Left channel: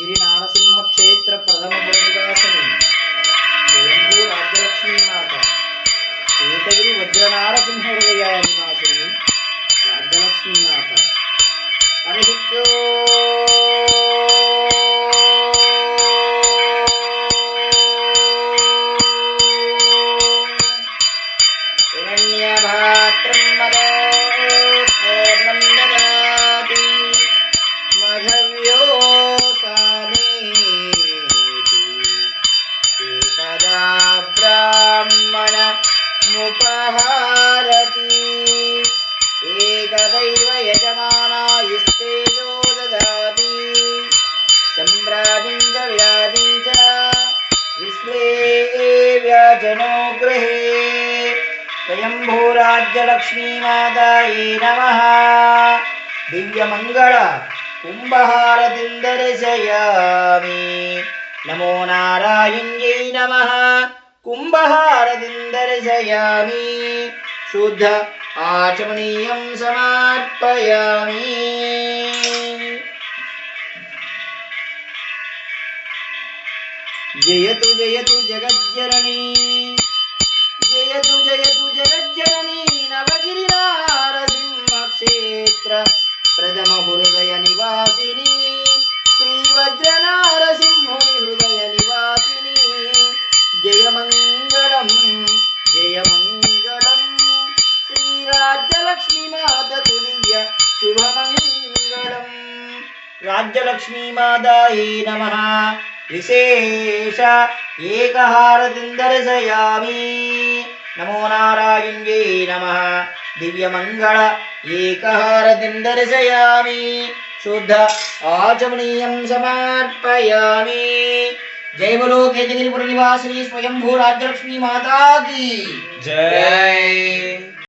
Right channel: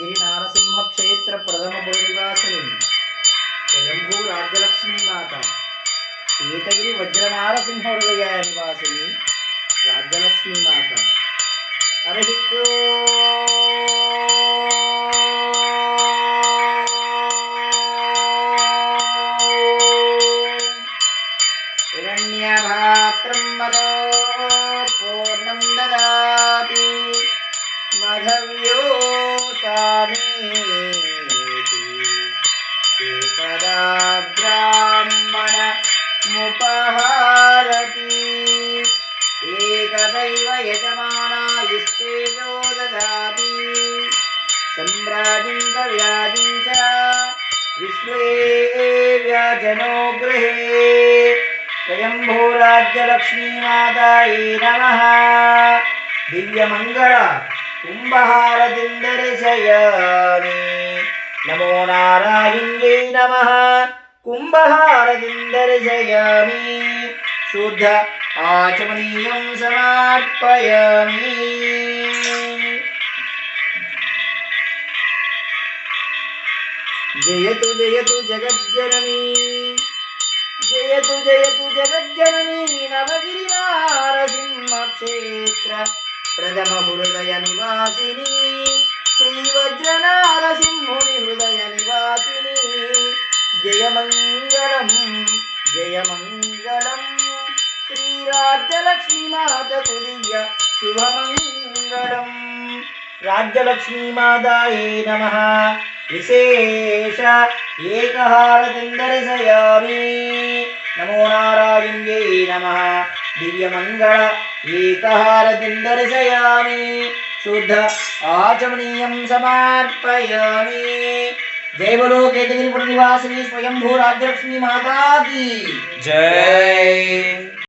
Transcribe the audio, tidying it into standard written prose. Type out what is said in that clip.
नवगिरि नारसिंह क्षेत्र प्रथम निवासिनी स्वयंभू राज्यलक्ष्मी माता ఏకగిరి వజ్ర నారసింహ హృదయ నివాసిని రాజ్యలక్ష్మీ మాత హరిక్యో హిరణ్యభాత్రం మదో పూర్ణం దదాతి మధవ్యోసామీతి ఏకదా బ్రాహ్మణ मुपहारति एकदैव यजमानायुस्तेजो ददाति सम्भ्रामिं च विराजिं च विश्वे व्याजनो गृहे स्वयंभूराज्यलक्ष्मीमातायै नमः दिव्यमङ्गल कुम्भहारतिं दर्शयामि नमो नारायण्यै नमः कुम्भहारतिं दर्शयामि शुद्ध आचमनीयं समर्पयामि जयतु जयतु जगज्जननी जयतु जयतु जगज्जननी नवगिरि नारसिंह क्षेत्र प्रथम हृदय निवासिनी श्रीवज्र नारसिंहुनि हृदय निवासिनी जयमंगलम जयमंगलम श्रीराज्यलक्ष्मी माता तुल्य शुभमंगलम राज्यलक्ष्मी मातायै नमः विशेष एकहारतिं दर्शयामि नमो नारायण्यै नमः दिव्यमंगल एकहारतिं दर्शयामि शुद्ध आचमनीयं समर्पयामि जय बोलो केतगिरिपुर निवासिनी स्वयंभू राज्यलक्ष्मी माता की जय।